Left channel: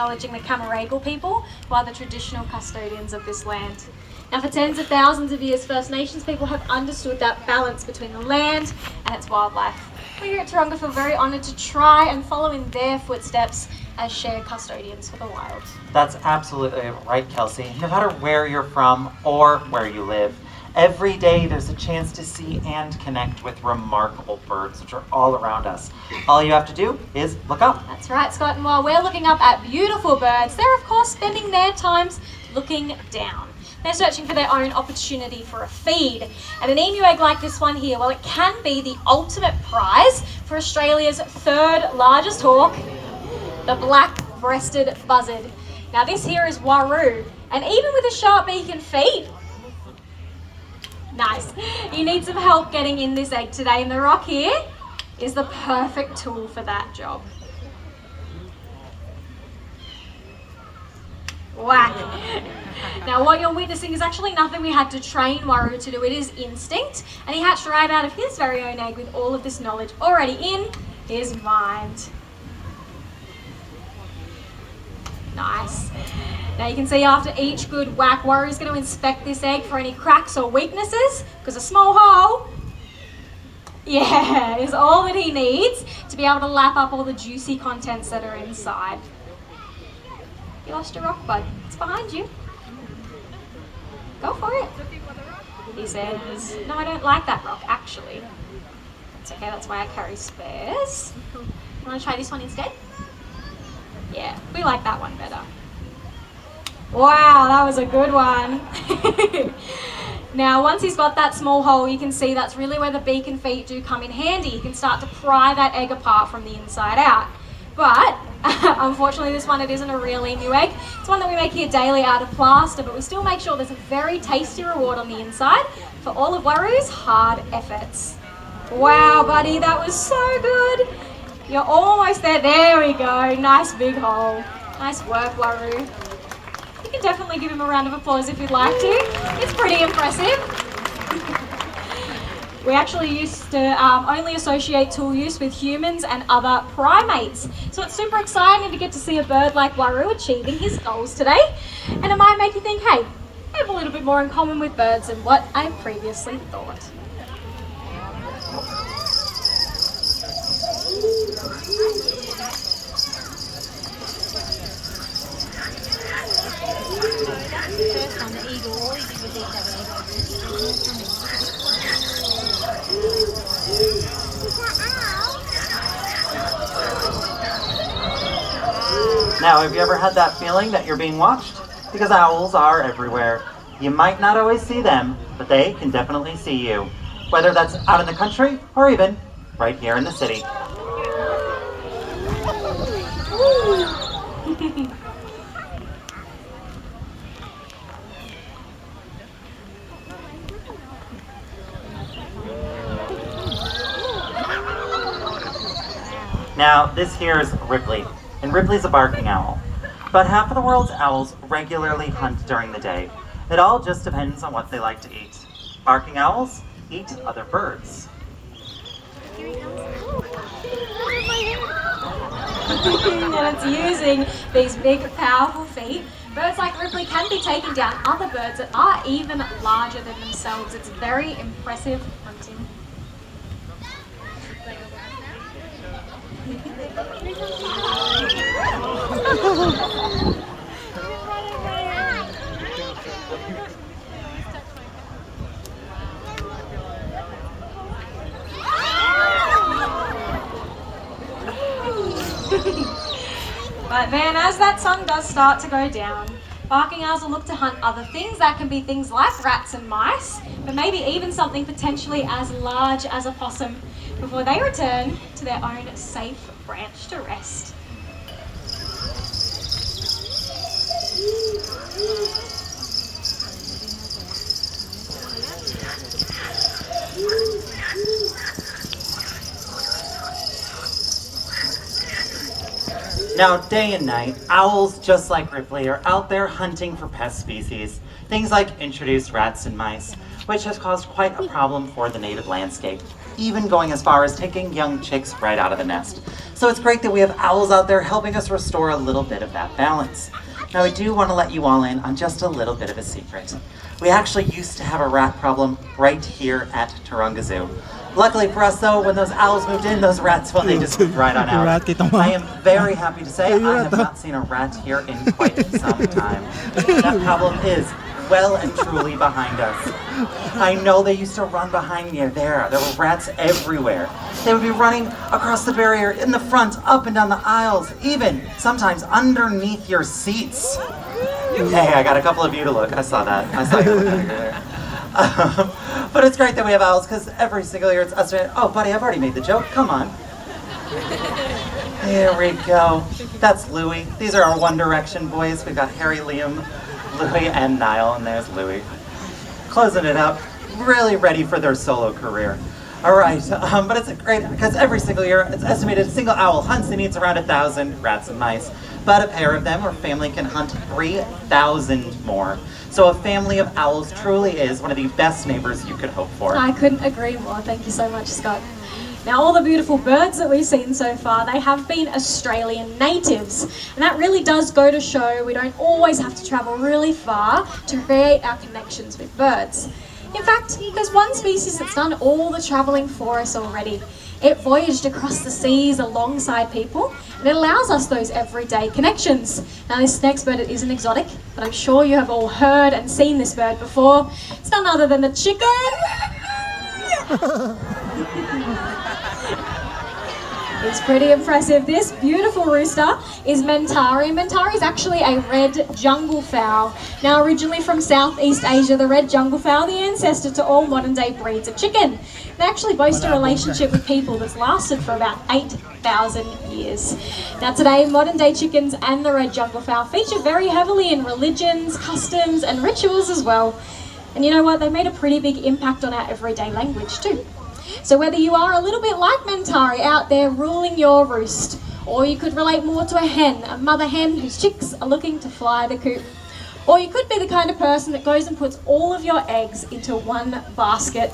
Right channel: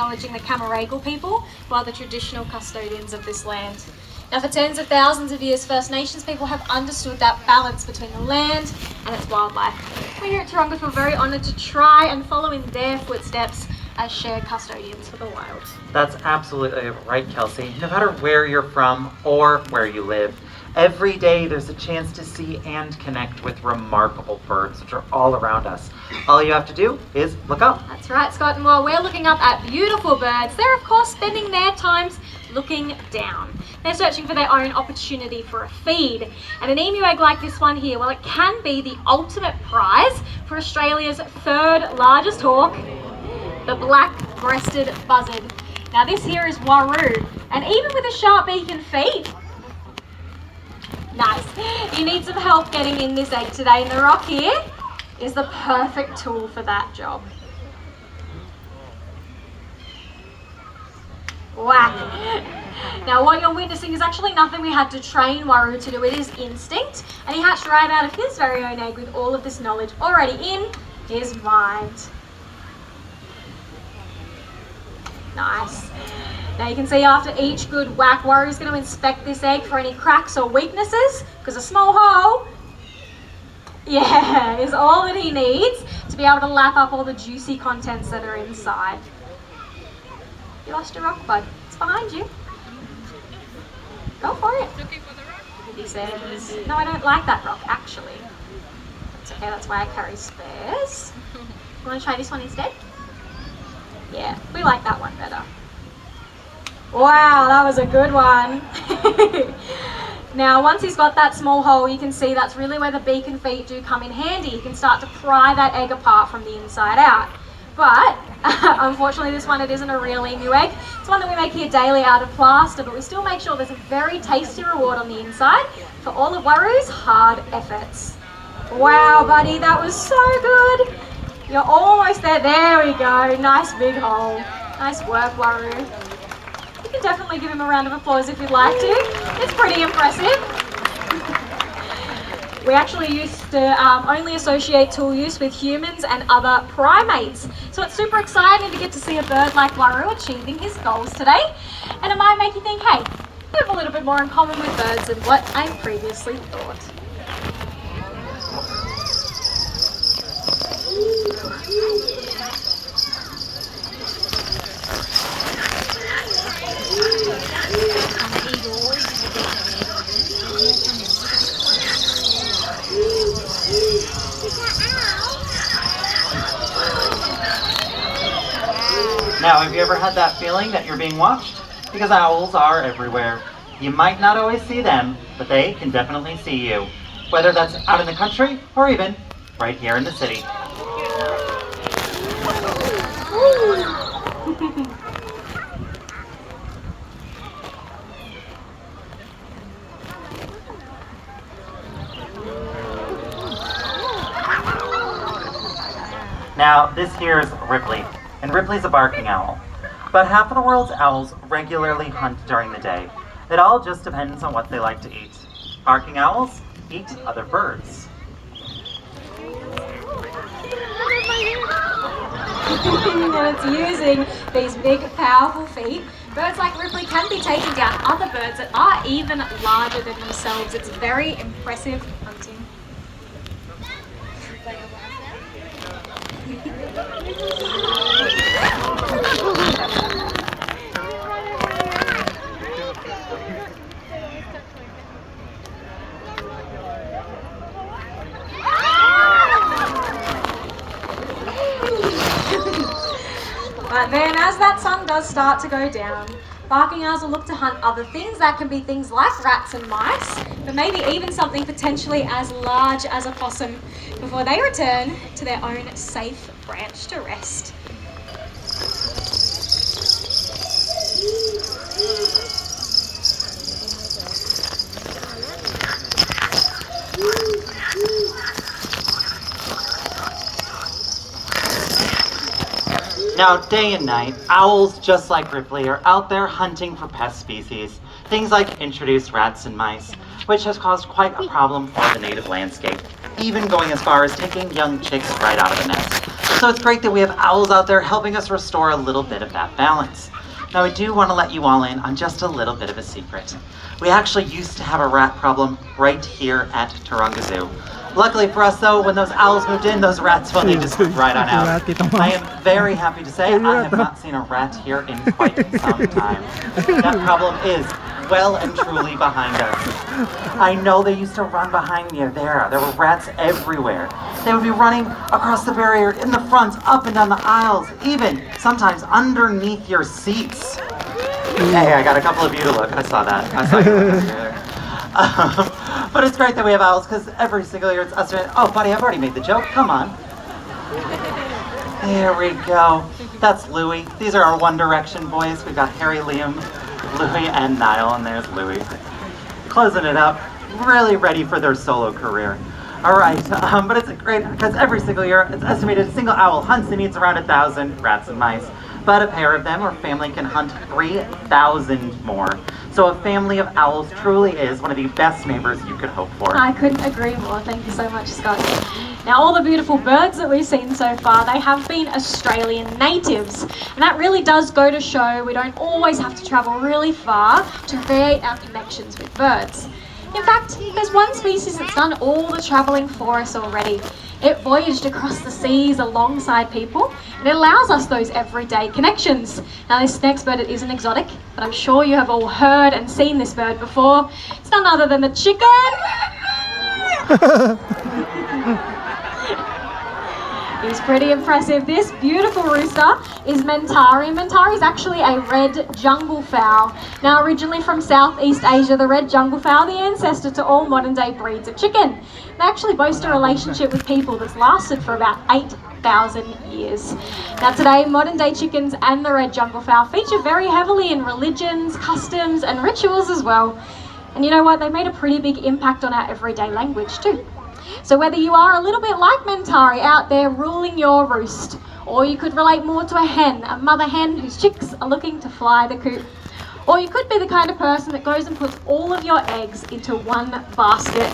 acknowledging the Camaragal people, who are the traditional custodians of this land. Now, for tens of thousands of years, First Nations people have understood that balance between the land and its wildlife. We here at Taronga feel very honoured to try and follow in their footsteps as shared custodians for the wild. That's absolutely right, Kelsey. No matter where you're from or where you live, every day there's a chance to see and connect with remarkable birds which are all around us. All you have to do is look up. That's right, Scott, and while we're looking up at beautiful birds, they're of course spending their times looking down. They're searching for their own opportunity for a feed. And an emu egg like this one here, well, it can be the ultimate prize for Australia's third largest hawk, the black-breasted buzzard. Now this here is Waru, and even with a sharp beak and feet, nice. You need some help getting in this egg today, and the rock here is the perfect tool for that job. Wow. Now what you're witnessing is actually nothing we had to train Waru to do. It is instinct, and he hatched right out of his very own egg with all of this knowledge already in his mind. Nice. Now you can see after each good whack, Waru's going to inspect this egg for any cracks or weaknesses, because a small hole, yeah, is all that he needs to be able to lap up all the juicy contents that are inside. You lost your rock, bud. It's behind you. Go for it. He says, no, I don't like that rock, actually. It's okay, that's why I carry spares. You want to try this one instead? Yeah, we like that one better. Wow, that was a good one. Now, once he's got that small hole, you can see that's really where the beak and feet do come in handy. You can start to pry that egg apart from the inside out. But, unfortunately, this one, it isn't a real emu egg. It's one that we make here daily out of plaster, but we still make sure there's a very tasty reward on the inside for all of Waru's hard efforts. Wow, buddy, that was so good. You're almost there. There we go. Nice big hole. Nice work, Waru. You can definitely give him a round of applause if you'd like to. It's pretty impressive. We actually used to only associate tool use with humans and other primates. So it's super exciting to get to see a bird like Waru achieving his goals today. And it might make you think, hey, I have a little bit more in common with birds than what I previously thought. Now, have you ever had that feeling that you're being watched? Because owls are everywhere. You might not always see them, but they can definitely see you. Whether that's out in the country or even right here in the city. Now, this here is Ripley, and Ripley's a barking owl. About half of the world's owls regularly hunt during the day. It all just depends on what they like to eat. Barking owls eat other birds. And it's using these big, powerful feet. Birds like Ripley can be taking down other birds that are even larger than themselves. It's very impressive hunting. But then as that sun does start to go down, barking owls will look to hunt other things. That can be things like rats and mice, but maybe even something potentially as large as a possum before they return to their own safe branch to rest. Now, day and night, owls, just like Ripley, are out there hunting for pest species. Things like introduced rats and mice, which has caused quite a problem for the native landscape, even going as far as taking young chicks right out of the nest. So it's great that we have owls out there helping us restore a little bit of that balance. Now, I do want to let you all in on just a little bit of a secret. We actually used to have a rat problem right here at Taronga Zoo. Luckily for us though, when those owls moved in, those rats, well, they just moved right on out. I am very happy to say I have not seen a rat here in quite some time. That problem is well and truly behind us. I know they used to run behind me there. There were rats everywhere. They would be running across the barrier, in the front, up and down the aisles, even sometimes underneath your seats. Hey, I got a couple of you to look. I saw that. I saw you there. But it's great that we have owls because every single year it's estimated. Oh, buddy, I've already made the joke. Come on. There we go. That's Louie. These are our One Direction boys. We've got Harry, Liam, Louie, and Niall, and there's Louie. Closing it up, really ready for their solo career. All right, but it's great because every single year it's estimated a single owl hunts and eats around 1,000 rats and mice. But a pair of them or family can hunt 3,000 more. So a family of owls truly is one of the best neighbors you could hope for. I couldn't agree more. Thank you so much, Scott. Now, all the beautiful birds that we've seen so far, they have been Australian natives. And that really does go to show we don't always have to travel really far to create our connections with birds. In fact, there's one species that's done all the travelling for us already. It voyaged across the seas alongside people, and it allows us those everyday connections. Now, this next bird isn't exotic, but I'm sure you have all heard and seen this bird before. It's none other than a chicken. It's pretty impressive. This beautiful rooster is Mentari. Mentari is actually a red jungle fowl. Now, originally from Southeast Asia, the red jungle fowl, the ancestor to all modern day breeds of chicken. They actually boast a relationship with people that's lasted for about 8,000 years. Now today, modern day chickens and the red jungle fowl feature very heavily in religions, customs and rituals as well. And you know what? They made a pretty big impact on our everyday language too. So whether you are a little bit like Mentari out there ruling your roost, or you could relate more to a mother hen whose chicks are looking to fly the coop, or you could be the kind of person that goes and puts all of your eggs into one basket.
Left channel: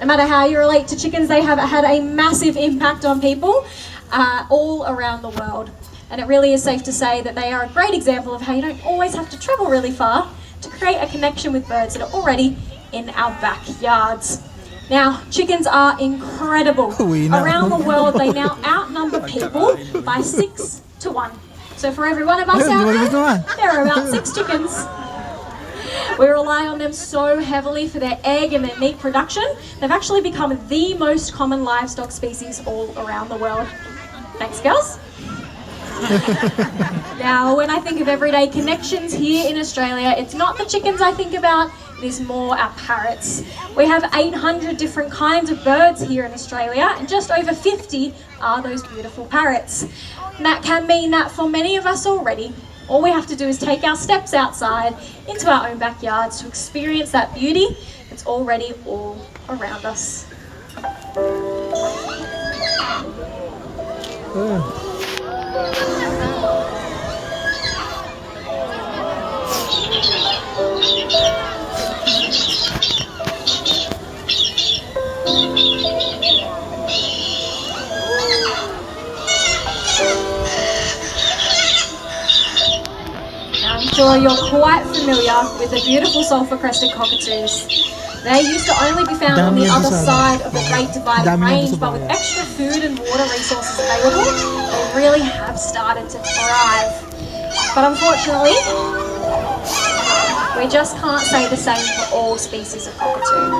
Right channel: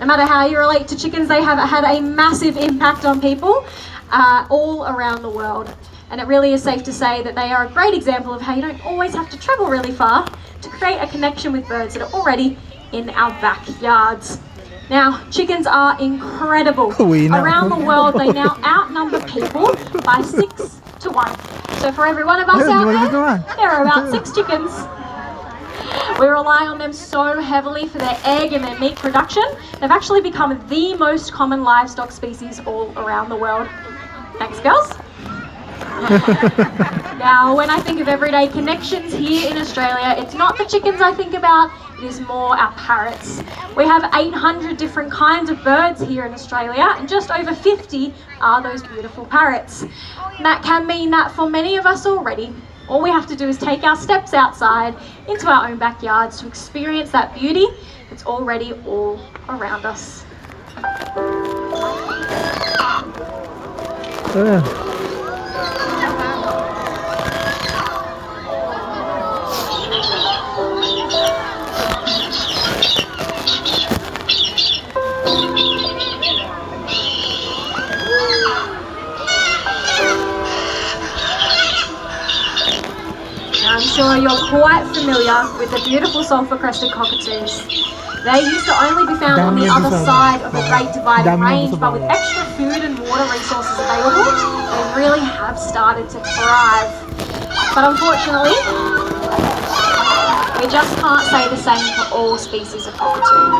No matter how you relate to chickens, they have had a massive impact on people all around the world. And it really is safe to say that they are a great example of how you don't always have to travel really far to create a connection with birds that are already in our backyards. Now, chickens are incredible. Around the world, they now outnumber people by 6 to 1. So for every one of us out there are about 6 chickens. We rely on them so heavily for their egg and their meat production. They've actually become the most common livestock species all around the world. Thanks, girls. Now, when I think of everyday connections here in Australia, it's not the chickens I think about, it is more our parrots. We have 800 different kinds of birds here in Australia, and just over 50 are those beautiful parrots. And that can mean that for many of us already, all we have to do is take our steps outside into our own backyards to experience that beauty that's already all around us. I'm sure you're quite familiar with the beautiful sulphur-crested cockatoos. They used to only be found on the other side of the Great Dividing Range, but with extra food and water resources available, they really have started to thrive. But unfortunately, we just can't say the same for all species of cockatoo.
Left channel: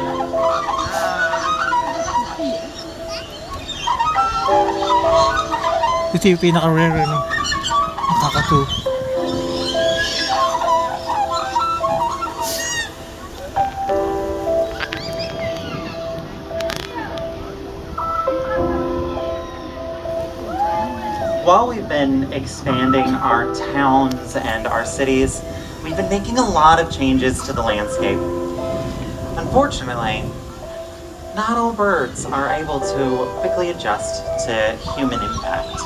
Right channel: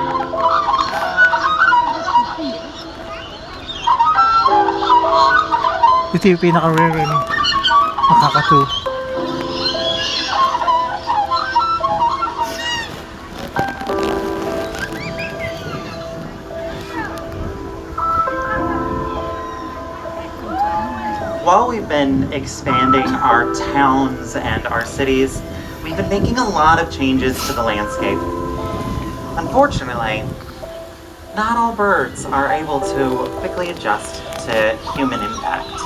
Ito yung pinaka-rare, no? Nakakatu. While we've been expanding our towns and our cities, we've been making a lot of changes to the landscape. Unfortunately, not all birds are able to quickly adjust to human impact.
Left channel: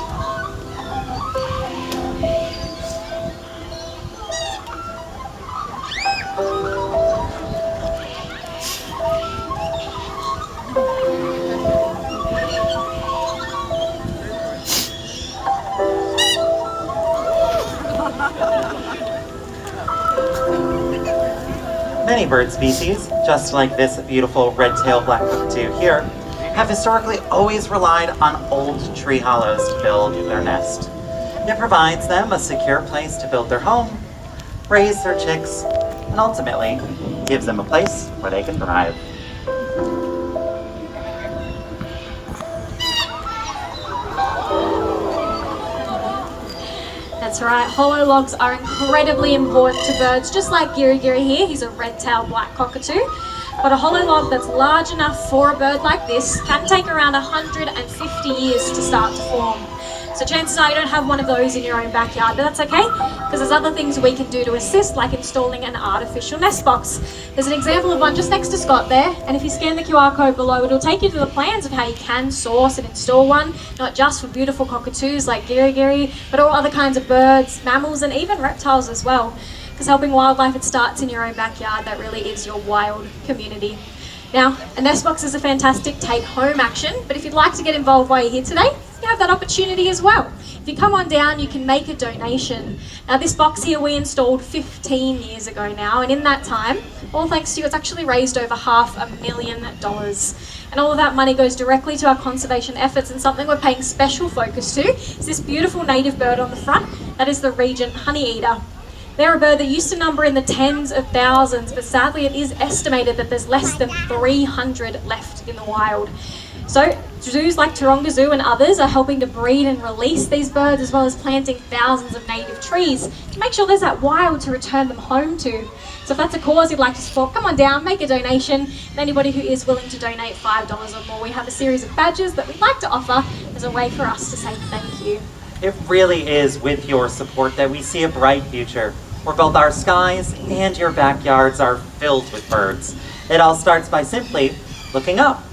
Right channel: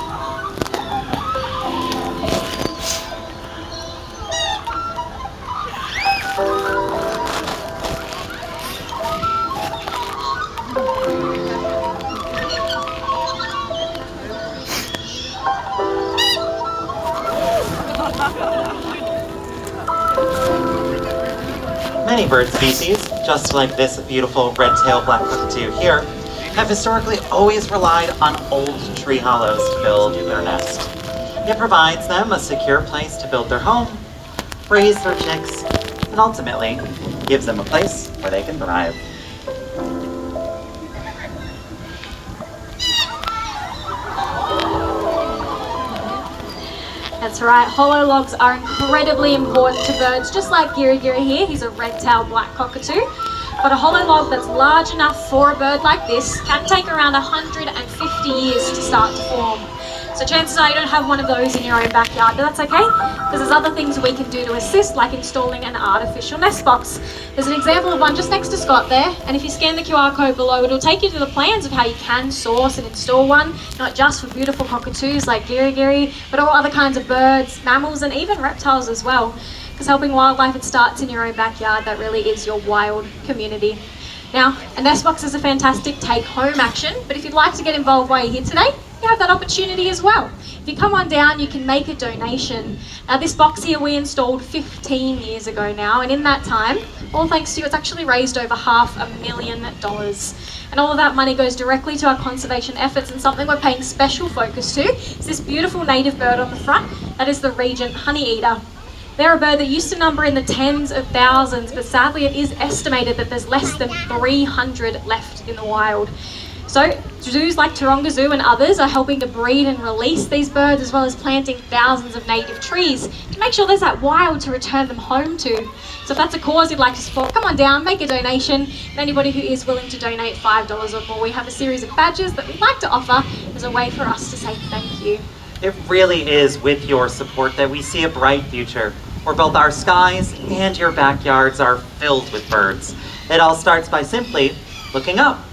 Many bird species, just like this beautiful red-tailed black cockatoo here, have historically always relied on old tree hollows to build their nest. It provides them a secure place to build their home, raise their chicks, and ultimately gives them a place where they can thrive. That's right, hollow logs are incredibly important to birds, just like Giri Giri here. He's a red-tailed black cockatoo. But a hollow log that's large enough for a bird like this can take around 150 years to start to form. So chances are you don't have one of those in your own backyard, but that's okay, because there's other things we can do to assist, like installing an artificial nest box. There's an example of one just next to Scott there, and if you scan the QR code below, it'll take you to the plans of how you can source and install one, not just for beautiful cockatoos like Giri Giri, but all other kinds of birds, mammals, and even reptiles as well. Because helping wildlife, it starts in your own backyard. That really is your wild community. Now, a nest box is a fantastic take-home action, but if you'd like to get involved while you're here today, you have that opportunity as well. If you come on down, you can make a donation. Now, this box here we installed 15 years ago now, and in that time, all thanks to you, it's actually raised over $500,000. And all of that money goes directly to our conservation efforts, and something we're paying special focus to is this beautiful native bird on the front. That is the Regent honeyeater. They're a bird that used to number in the tens of thousands, but sadly it is estimated that there's less than 300 left in the wild. So zoos like Taronga Zoo and others are helping to breed and release these birds, as well as planting thousands of native trees to make sure there's that wild to return them home to. So if that's a cause you'd like to support, come on down, make a donation. And anybody who is willing to donate $5 or more, we have a series of badges that we'd like to offer as a way for us to say thank you. It really is with your support that we see a bright future, where both our skies and your backyards are filled with birds. It all starts by simply looking up.